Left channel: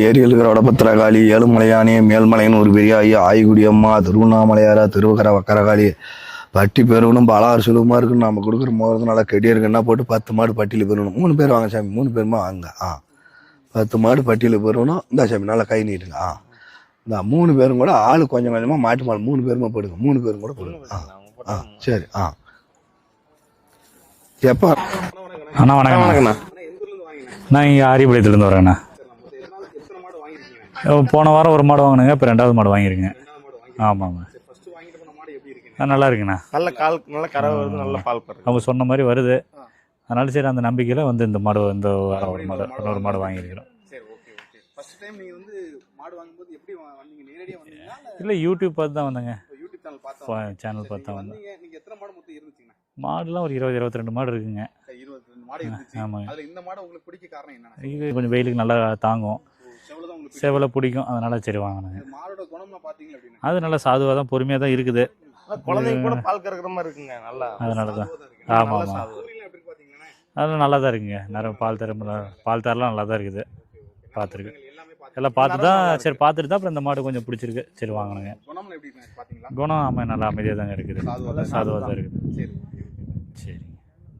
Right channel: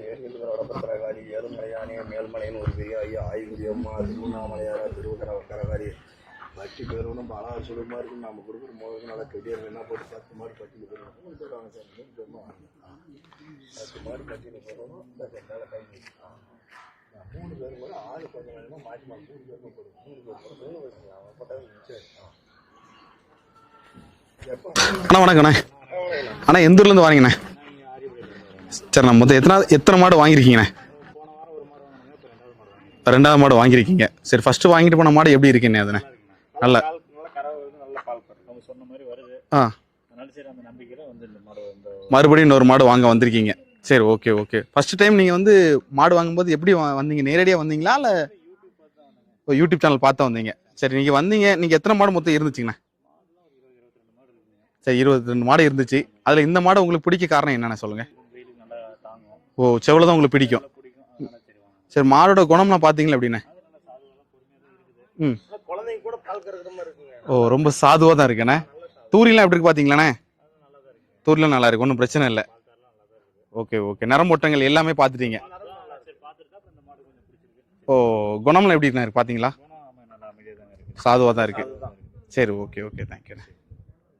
ஏரியலுக்கு வடபத்திரகாளி ஏழுமலையானே மேல்மலையன் ஒரு பெரிய ஐயா ஆய்குடி அம்மா திருவண்ணாமலையாரா திருவக்கர வக்கரகாளி பட்டி பெறணும் பலாறு சுலபமாக இருக்குன்னு நம்ம கொடுக்குற மோதிரம் நல்லா கெடியாக இருக்குன்னா போட்டு பத்து மாடு பட்டியில் பெறணும் மூணு பேர் வாங்க சாமி மூணு பேருமா? வாங்க ஆ. பத்து மாடு பட்டியில் பெறணும் இந்த சாமி நல்லா கை நீட்டுங்க ஆ. இந்த மூணு பேரும் கூட ஆள் கொஞ்சம் கொஞ்சமாக மாட்டு மாடு மூணு பேருமா போடுங்க மூணு பேரும் கூட போடுங்க ஆ. ஆ சரி ஆ. எப்போ? அண்ணா வணக்கண்ணே அண்ணா வணக்கம்ண்ணா. அண்ணா எந்த ஊர்லேருந்து வாங்கினேன் நான் இங்கே ஆரியபாளையத்துலேருந்து வரேண்ணா. சரி நான் மொத்தம் எத்தனை எத்தனை மாடு வாங்கியிருக்கீங்கண்ணே? போன வாரம் ஒரு மாடு வாங்கினேங்க இப்போ ரெண்டாவது மாடு வாங்கியிருக்கேன். ரெண்டாவது மாடு வாங்கியிருக்கீங்க. சரி ஃபர்ஸ்ட் வாங்கிட்டு போன மாடு எப்படி இருக்குண்ணே நல்லா இருக்குண்ணா. நல்ல- நல்ல. கால் நல்ல கரை வருது நல்ல பால் அவங்க சொன்ன மாதிரி வருது. ஆ. அதனால சரி அந்த நம்பிக்கையில் வந்து இந்த மாடு இந்த மறுபடியும் இன்னொரு மாடு வாங்க வந்திருக்கீங்க. சரி ஓகே ஓகே ஃபர்ஸ்ட் டைம் நீங்க வந்து மாடு வாங்கும்போது எப்படி வந்தீங்க? நேரடியா வந்தீங்களா இல்ல யூடியூப் பார்த்து தான் வந்தேங்க. யூடியூப் சேனல் பார்த்து வந்தீங்க. சரி நீங்க பார்த்து வந்தீங்க நீங்க எத்தனை மாடு மொத்தம் இருந்துச்சுங்கண்ணே? மாடுலாம் ஒரு இருபது இருபத்தி ரெண்டு மாடு இருக்குங்க. சரி இருபத்தி ரெண்டு மாடு இருந்துச்சு. ஆமாங்க. அதுல இந்த மாடு உங்களுக்கு பிடிக்க காரணம் என்னன்னு சொல்லுங்க. இது கொஞ்சம் வெயிலுக்கு நல்லா தாங்கும். ஓ செவல தான் உங்களுக்கு பிடிக்கும். செவலை பிடிக்கும். அதனால சரி வாங்கினேன். சரி மாடோட குணம்லாம் பாத்தீங்களா எப்படின்னு? அது நல்லா சாதுவாக தான் பொறுமையாக தான் இருக்குது. குழந்தைங்க கூட பால் கறக்குற மாதிரி இருக்குங்க. ஓ ரொம்ப அதனால- சாதுவா தான் இருக்குண்ணே. ஆமா, நல்ல ஆமா. சாது. தூரிலாம் எப்படி இருக்கு பாத்தீங்களாண்ணே? அதெல்லாம் நல்லா தான் இருக்குங்க. தூரிலாம் நல்லா இருக்கு ஒன்றும் பிரச்சனை இல்லை. பால் தரலாம் நல்லா தான் இருக்குது. Okay okay. நரம்பொட்டங்கள் எல்லாமே எல்லாம் பாத்துட்டீங்க. பார்த்து தான் சரி பார்த்துட்டு தான் அப்புறம் இந்த மாடு கொஞ்சம் பிடிச்சிருக்கு. சரி ஓ வாங்கினேன். குணம்லாம் எப்படி இருக்கு பாத்தீங்களா? குணம் ஆமாம் நல்லா அமைதியாக தாங்க இருக்குது. சாதுவா தான் இருக்கு சாதுவாக தான் இருக்குது. சரி ஓகே. ஓகே தேங்க்யூ சரி